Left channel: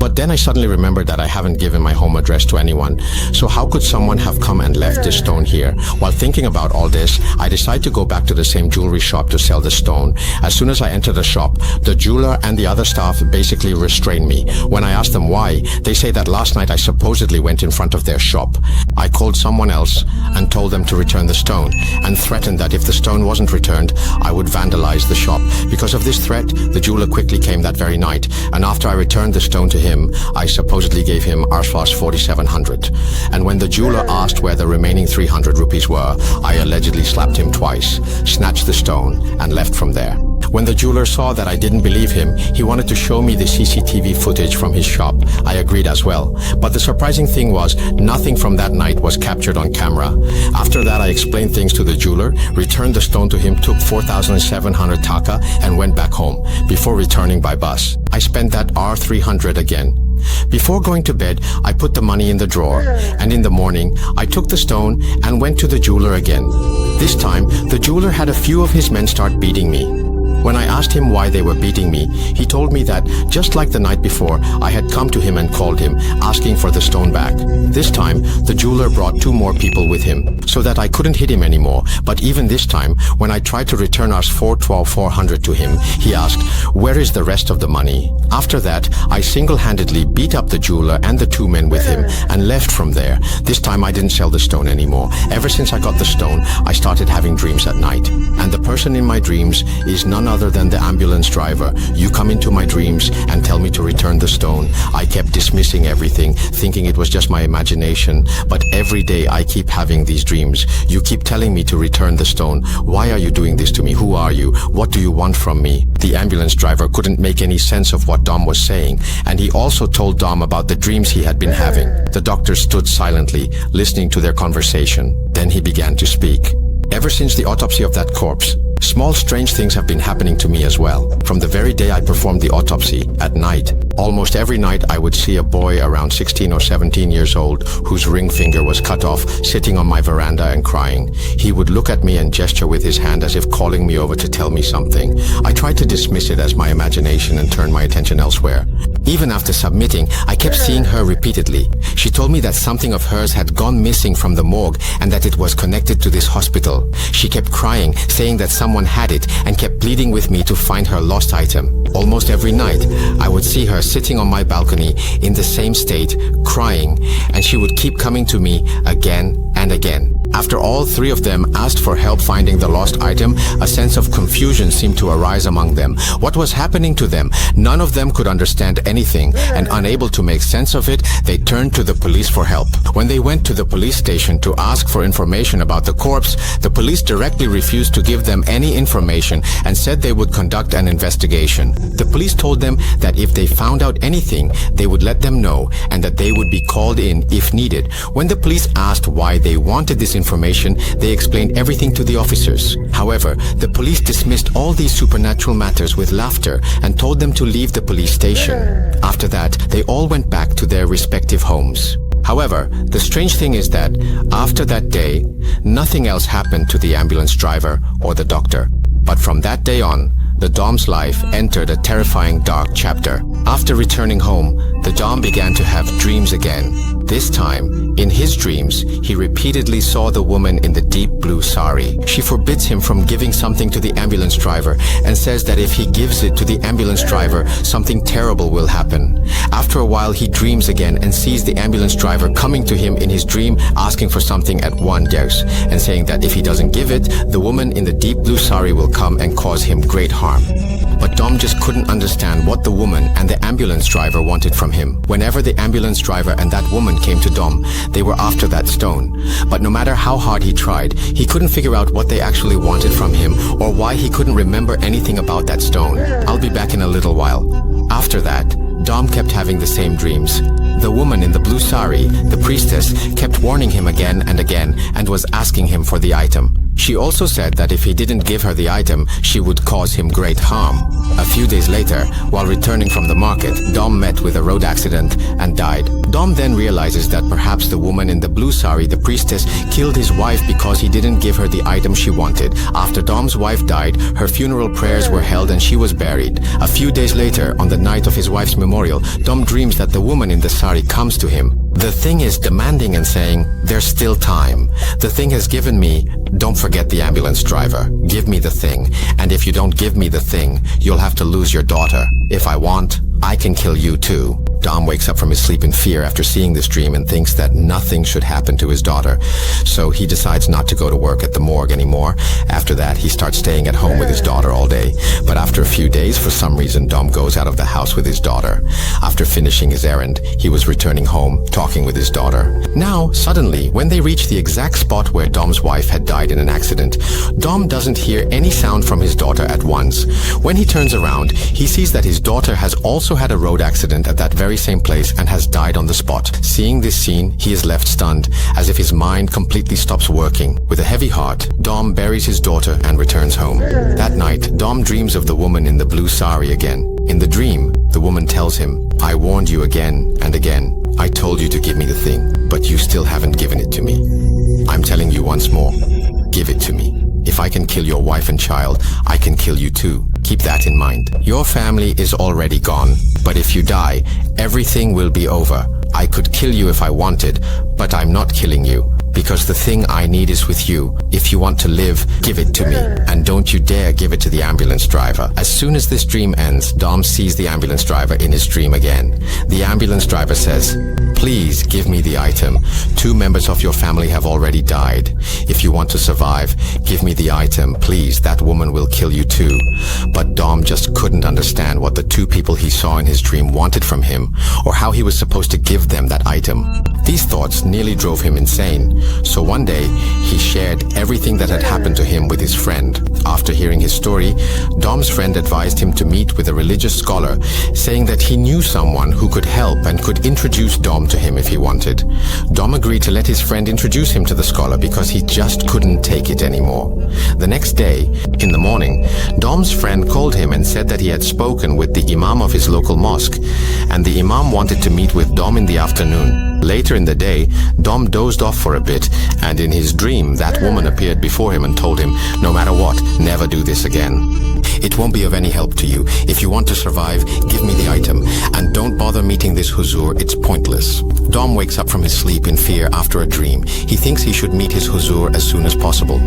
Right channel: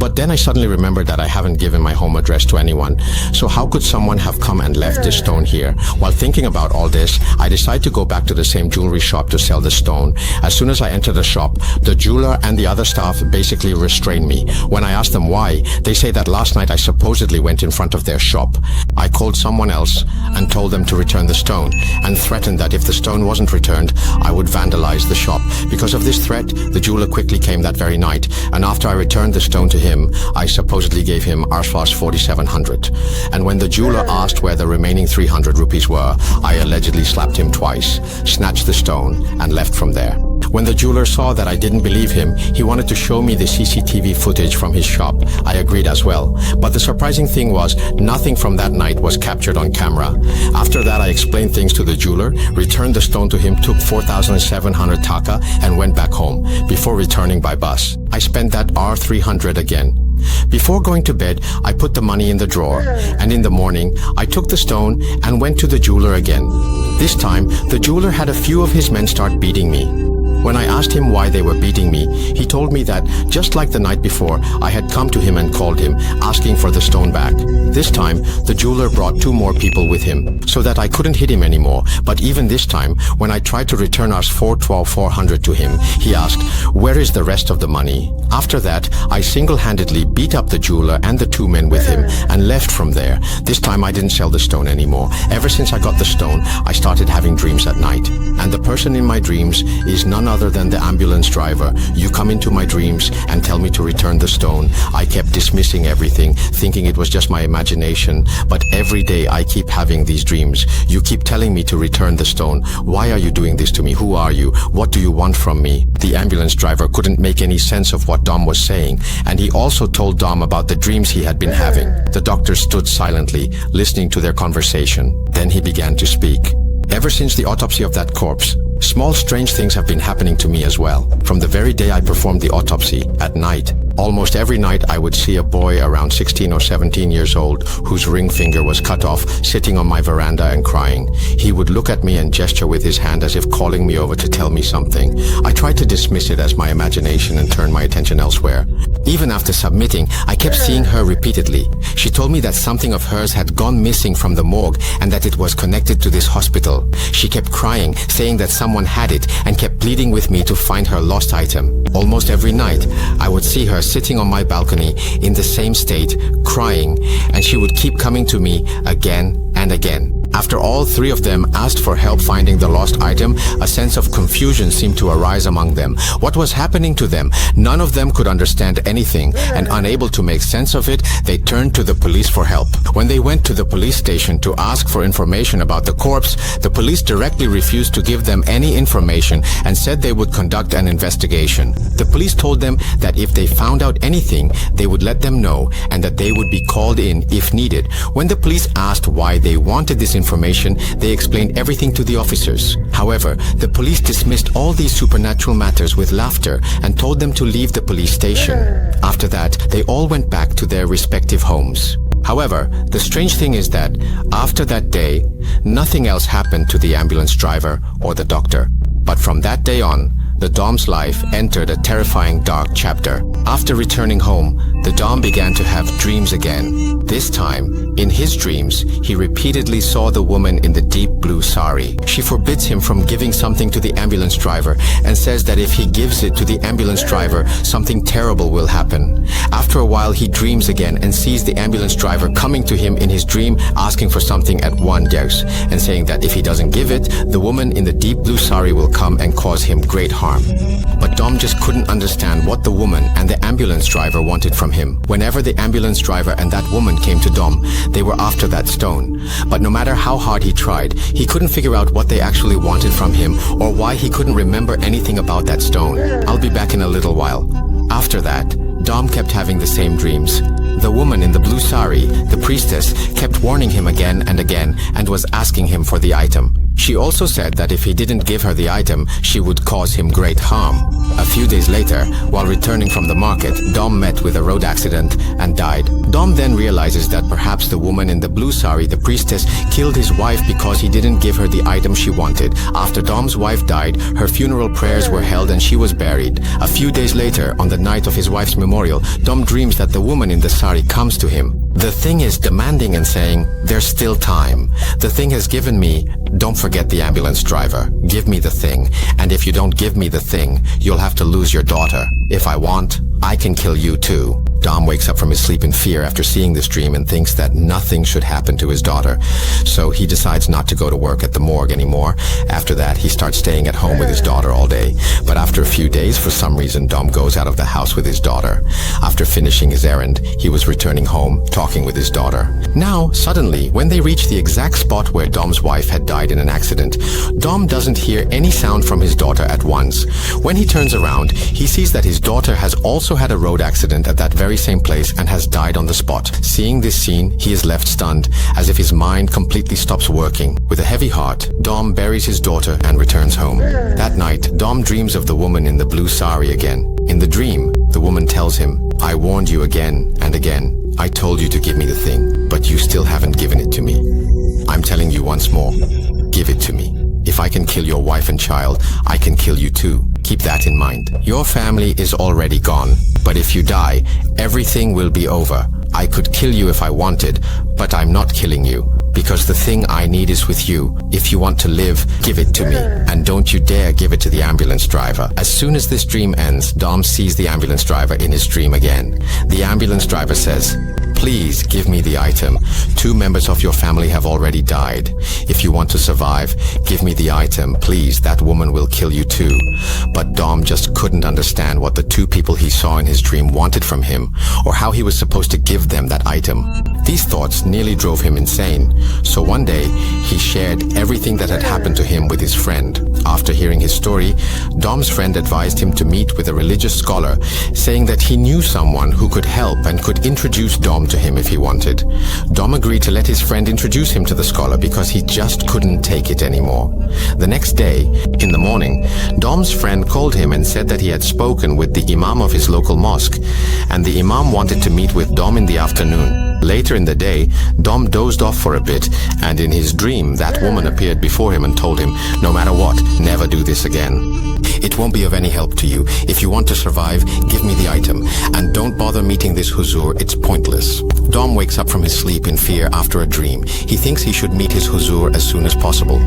But then I suddenly remembered that I haven't given my home address to anyone. So how could someone have come and left this stone here? While thinking about all this, I decided to go back to the same jewelry shop to sell the stone. As soon as I entered the shop, the jeweler and the other staff basically restrained me. When I asked them why, they say that last night I supposedly went in front of their shop. I called someone else and told them to return the stone, and threatened that if the stone wasn't returned, I would vandalize the shop. Because of this threat, the jeweler quickly came that very night, and after I returned the stone to him, I supposedly gave him Arsvas 4700. And when the jeweler asked where the remaining 300 rupees were, I allegedly slapped him twice, snatched the stone, and left from there. When the jeweler saw that I didn't believe him, he wanted to show me the CCTV footage from his shop. I agreed as well. But the surprising thing was, nothing from that night was captured on camera. After that, I explained things to the jeweler, returned the stone to him, took 4,700 taka, and went back home, before returning by bus. I spent that R300 again. Before going to bed, I put the money in the drawer, and in the morning, I took the stone and went to the jeweler again. This time, the jeweler had a few of his men start beating me. When I asked him why they were beating me, he told me that, just like the night before, I had come to him and called him, asking for the stone back. This time, the jeweler brought 2 more people with him, so that I couldn't hit him anymore. But even this time, when I tried to return Rs 412,400 to him, he asked, "Where is the rest of the money?" After that, I single-handedly beat up the jeweler and the 2 men with him, and left from there. This time I didn't sell the stone anymore. Ever since I got the stone, I started having dreams at night. And the person in my dreams is none other than the ambulance driver. You come into my dreams and tell me to return the stone. I kept dismissing everything, thinking it was just my imagination. But every day I keep having these dreams. You keep telling me to return the stone. Why are you doing this to me? Who are you? What do you want from me? The ambulance driver couldn't make any sense of what Dom was saying, and he also told Dom about the dreams he had been having. The doctor stood silently, listening to their conversation. Then he began to speak. Ever since the autopsy of that corpse, small strange things have been happening to me as well. From the very day I performed the autopsy, at night, almost every night I would see a boy around 16 or 17 years old whose ring finger was cut off, sitting on my veranda and crying. He would look at me and gesture with his hand as if calling me over to tell me something. I tried to dismiss it as my imagination and turn my attention elsewhere. Even after submitting, I kept seeing her repeatedly. She told me that something of hers had gone missing from the morgue and that it was connected to this hospital. She kept crying, saying that someone had it, and kept pleading with me to find her lost item. Almost every night, I would see her sitting on my balcony in the same state, crying, and she would keep coming to me again and again. After all 3 of them asked for help finding the lost item, a sense of confusion seemed to arise among them. What was happening to them? None of them could understand anything, and unable to make sense of it, they turned to the police for help. When they went to the police station to ask for information about the corpse, the police directly refused to give them any information and said they would conduct an investigation. The police told them that if they found out anything, they would let them know, and that they would be called in if needed. When the police asked why they wanted this information, they explained everything to the officers. However, the police dismissed all these supernatural matters with laughter and told them to leave the police station. After that, they all went back to their respective homes. However, the strange thing is that, after that day, nothing else happened to the ambulance driver or the doctor. But from that day on, the Dom's life entered a terrifying dark chapter. After returning home, the Dom began to have dreams again. This time, in his dreams, he repeatedly saw the woman in the deep blue sari. She forbids him from giving something to the ambulance driver and says that if he gives it to the ambulance driver, something terrible will happen. After a while, he dreams again and sees the ambulance driver coming to him in his dream, asking for something at wonders, and saying that if he doesn't give it, the woman in the deep blue sari will come and cause him great harm. But Dom just couldn't understand what the woman and the ambulance driver wanted from him. Whenever the ambulance driver and that woman came to Dom, they were after that stone. But no matter how hard he tried, he couldn't figure out what they actually wanted from him or why he couldn't remember anything about that stone. I'll be back in a little while. After that, Dom kept having the same dreams. The woman in the blue sari, the priestess, kept warning him again and again and was asking him for the item. She also said that if he didn't give her the item, she would cause him great harm. A few days later, while returning from the market, Dom met with a road accident and died. Dom then realizes that perhaps the woman in the blue sari, the priestess, killed his wife because he didn't give her the item she wanted. After Dom's wife died, her funeral prayers were held and she was buried. A few days later, on the night of his wife's memorial, Dom dreams that the woman in the sari comes to him. The thing is demanding and saying, "There's still time. The thing has given me, don't forget the ambulance driver. Give me the thing. And if you don't give me the thing, you'll have to lose your daughter. If I want, I can kill you too." Dom wakes up from his sleep in fear after seeing this dream and thinks that nothing should happen to his daughter. So he decides not to go to work at the morgue anymore. After that, he starts staying at home with his daughter all day. But after a few days, for some reason, Dom goes out of the house with his daughter. After finishing his errand, he was returning home, talking with his daughter. Now, suddenly, when they reach the exact spot where Dom's wife had died in an accident, Dom doesn't hear any sound from his daughter at once. When he turns around, he sees that his daughter has also had a road accident at that very same place and has died on the spot. Seeing this scene, he is left stunned, as if his mind completely stops working. With a heavy heart, Dom buries his daughter and returns home. That night, Dom dreams of the woman in the blue sari again. In the dream, the woman tells him, "I warned you again and again. I told you to give me the thing, but you still haven't given it to me. I'm telling you once more, give it to me. If I can kill your wife and child, I can kill you too. Keep that in mind. Your family is already gone, but if you die, everything will be over. I could kill you if I wanted, but I'm not killing you, because the thing I need is with you. If you want to live, give it to me, and don't you dare give it to the ambulance driver." As soon as this dream ends, Dom sees the ambulance driver in his dream again. The ambulance driver says, "Please give me the item. 2 members of your family have already died. If you want to survive, give me the item, please. That woman will kill you too." But Dom just couldn't understand what the 2 people he saw in his dream wanted from him, or how he was supposed to give them that item. These thoughts nearly drove him insane. So one day, he shared everything that had happened to him with his friend. After hearing his story, Dom's friend advised him to meet with a religious scholar, saying that he knew someone who could help and could introduce Dom to him if he wanted. Dom agreed to let his friend introduce him to the scholar because he just couldn't take it anymore. The next day, in the morning, Dom's friend called him and said that he had spoken with the imam of his local mosque, and the imam wanted to meet with Dom in the afternoon. Later in the day, Dom dozed off for a bit, and in his dream, that woman appeared before him and told him, "No matter what, never do this again. It won't be of any help to you. If you want to survive, give me the item, and don't bother meeting this Huzur, it's pointless." Dom wakes up from his sleep in fear after a dream. He thinks he should meet his Huzur as soon as possible.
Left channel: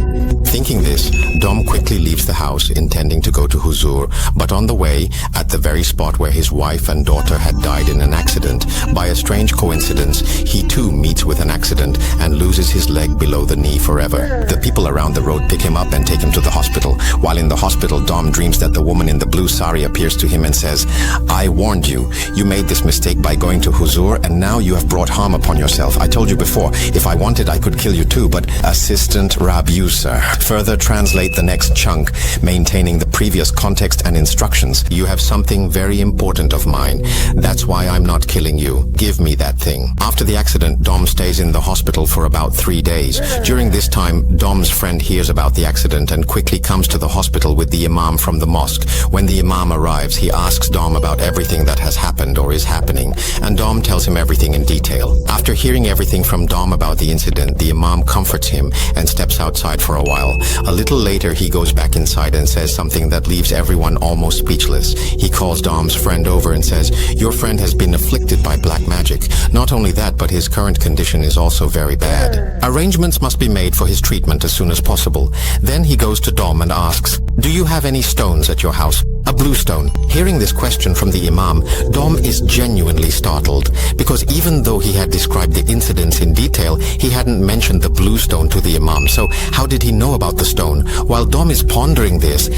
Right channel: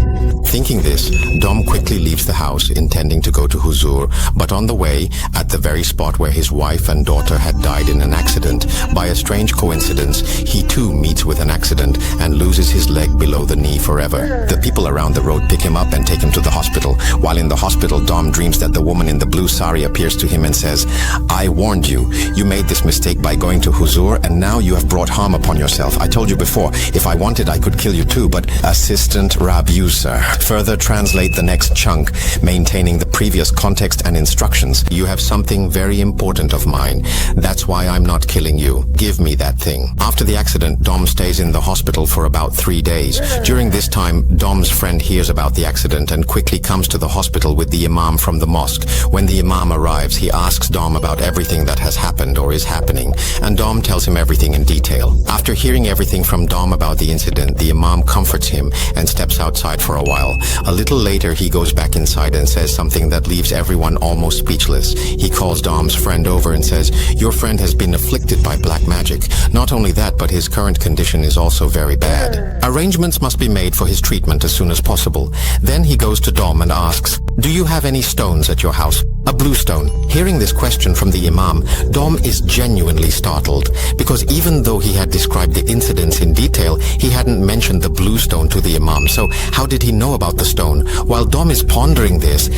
Thinking this, Dom quickly leaves the house, intending to go to Huzur, but on the way, at the very spot where his wife and daughter had died in an accident, by a strange coincidence, he too meets with an accident and loses his leg below the knee forever. The people around the road pick him up and take him to the hospital. While in the hospital, Dom dreams that the woman in the blue sari appears to him and says, "I warned you. You made this mistake by going to Huzur, and now you have brought harm upon yourself. I told you before, if I wanted, I could kill you too, but..." Assistant Rabuser. Further translate the next chunk, maintaining the previous context and instructions. "You have something very important of mine. That's why I'm not killing you. Give me that thing." After the accident, Dom stays in the hospital for about 3 days. During this time, Dom's friend hears about the accident and quickly comes to the hospital with the imam from the mosque. When the imam arrives, he asks Dom about everything that has happened or is happening, and Dom tells him everything in detail. After hearing everything from Dom about the incident, the imam comforts him and steps outside for a while. A little later, he goes back inside and says something that leaves everyone almost speechless. He calls Dom's friend over and says, "Your friend has been afflicted by black magic. Not only that, but his current condition is also very bad. Arrangements must be made for his treatment as soon as possible." Then he goes to Dom and asks, "Do you have any stones at your house?" "A blue stone." Hearing this question from the imam, Dom is genuinely startled, because even though he had described the incidents in detail, he hadn't mentioned the blue stone to the imam. So how did he know about the stone? While Dom is pondering this,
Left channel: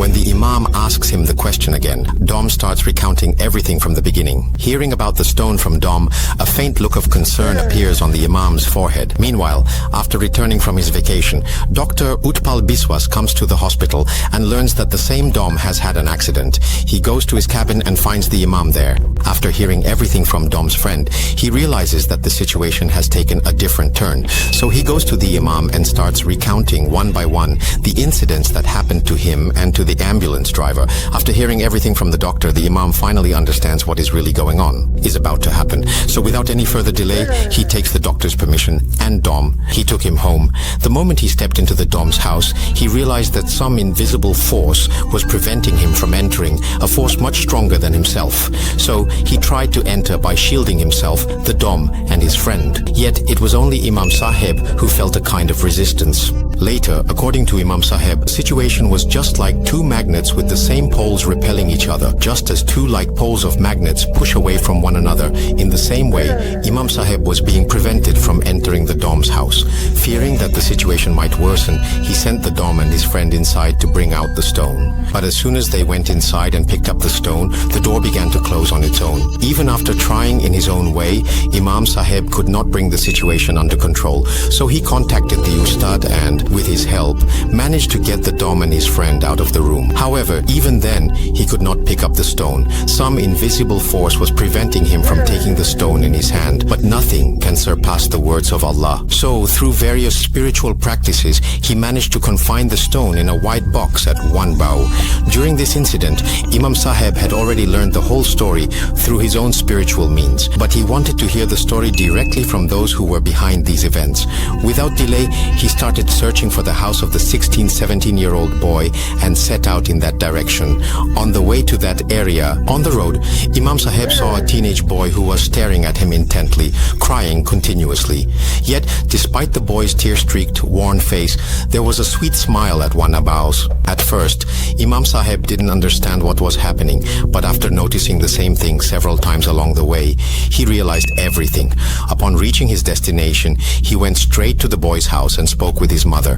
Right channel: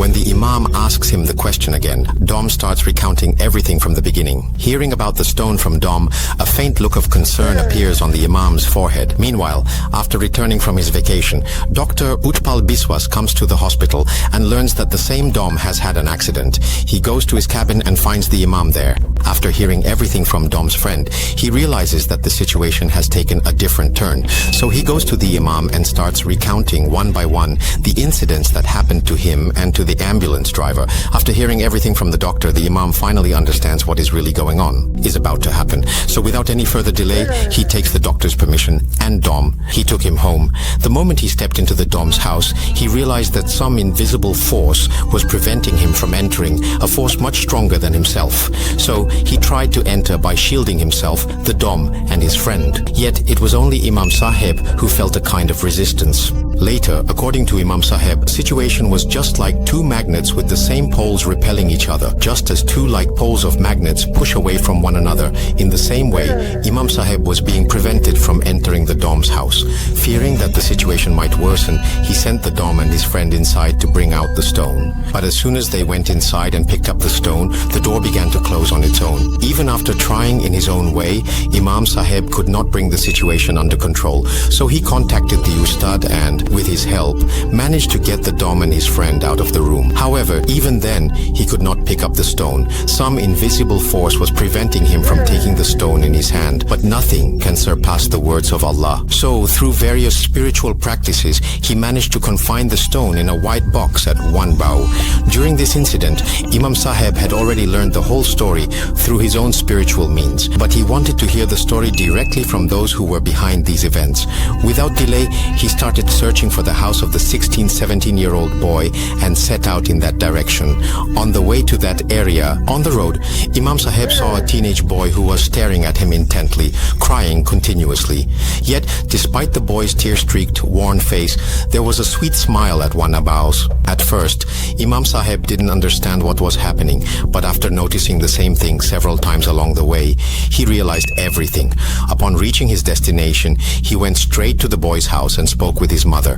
when the imam asks him the question again, Dom starts recounting everything from the beginning. Hearing about the stone from Dom, a faint look of concern appears on the imam's forehead. Meanwhile, after returning from his vacation, Dr. Utpal Biswas comes to the hospital and learns that the same Dom Dom has had an accident. He goes to his cabin and finds the Imam there. After hearing everything from Dom's friend, he realizes that the situation has taken a different turn. So he goes to the Imam and starts recounting one by one the incidents that happened to him and to the ambulance driver. After hearing everything from the doctor, the Imam finally understands what is really going on, is about to happen. So without any further delay, he takes the doctor's permission and Dom. He took him home. The moment he stepped into the Dom's house, he realized that some invisible force was preventing him from entering, a force much stronger than himself. So he tried to enter by shielding himself, the Dom, and his friend. Yet it was only Imam Sahib who felt a kind of resistance. Later, according to Imam Sahib, the situation was just like two magnets with the same poles repelling each other. Just as two like poles of magnets push away from one another, in the same way, Imam Sahib was being prevented from entering the Dom's house. Fearing that the situation might worsen, he sent the Dom and his friend inside to bring out the stone. But as soon as they went inside and picked up the stone, the door began to close on its own. Even after trying in his own way, Imam Sahib could not bring the situation under control. So he contacted the Ustad and, with his help, managed to get the Dom and his friend out of the room. However, even then, he could not pick up the stone. Some invisible force was preventing him from taking the stone in his hand. But nothing can surpass the words of Allah. So, through various spiritual practices, he managed to confine the stone in a white box at one bow. During this incident, Imam Sahib had already learned the whole story through his own spiritual means, but he wanted to hear the story directly from those who were behind these events. Without delay, he started searching for the house of the 16-17-year-old boy and set out in that direction. On the way to that area, on the road, Imam Sahib saw a teenage boy who was staring at him intently, crying continuously. Yet, despite the boy's tear-streaked, worn face, there was a sweet smile at one Abbas. At first, Imam Sahib didn't understand what was happening, but after noticing the same thing several times along the way, he realized everything. Upon reaching his destination, he went straight to the boy's house and spoke with his mother.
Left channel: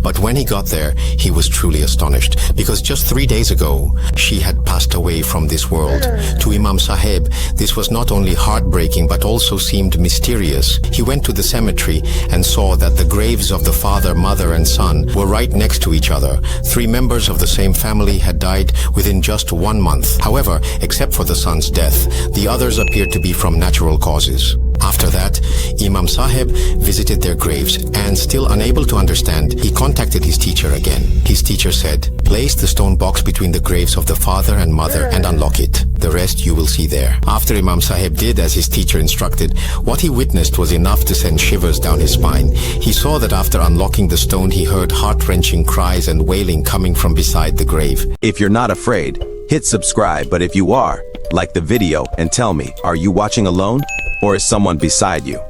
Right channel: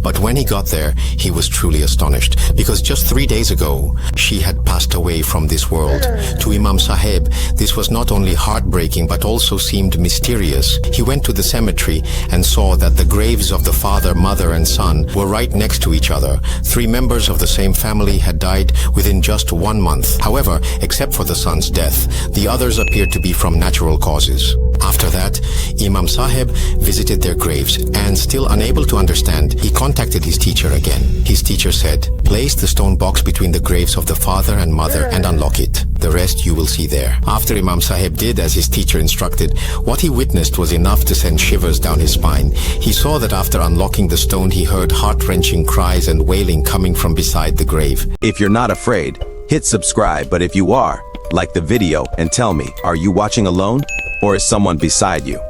But when he got there, he was truly astonished, because just 3 days ago, she had passed away from this world. To Imam Sahib, this was not only heartbreaking but also seemed mysterious. He went to the cemetery and saw that the graves of the father, mother and son were right next to each other. 3 members of the same family had died within just 1 month. However, except for the son's death, the others appeared to be from natural causes. After that, Imam Sahib visited their graves and, still unable to understand, he contacted his teacher again. His teacher said, "Place the stone box between the graves of the father and mother and unlock it. The rest you will see there." After Imam Sahib did as his teacher instructed, what he witnessed was enough to send shivers down his spine. He saw that after unlocking the stone, he heard heart-wrenching cries and wailing coming from beside the grave. If you're not afraid, hit subscribe, but if you are, like the video and tell me, are you watching alone? Or is someone beside you?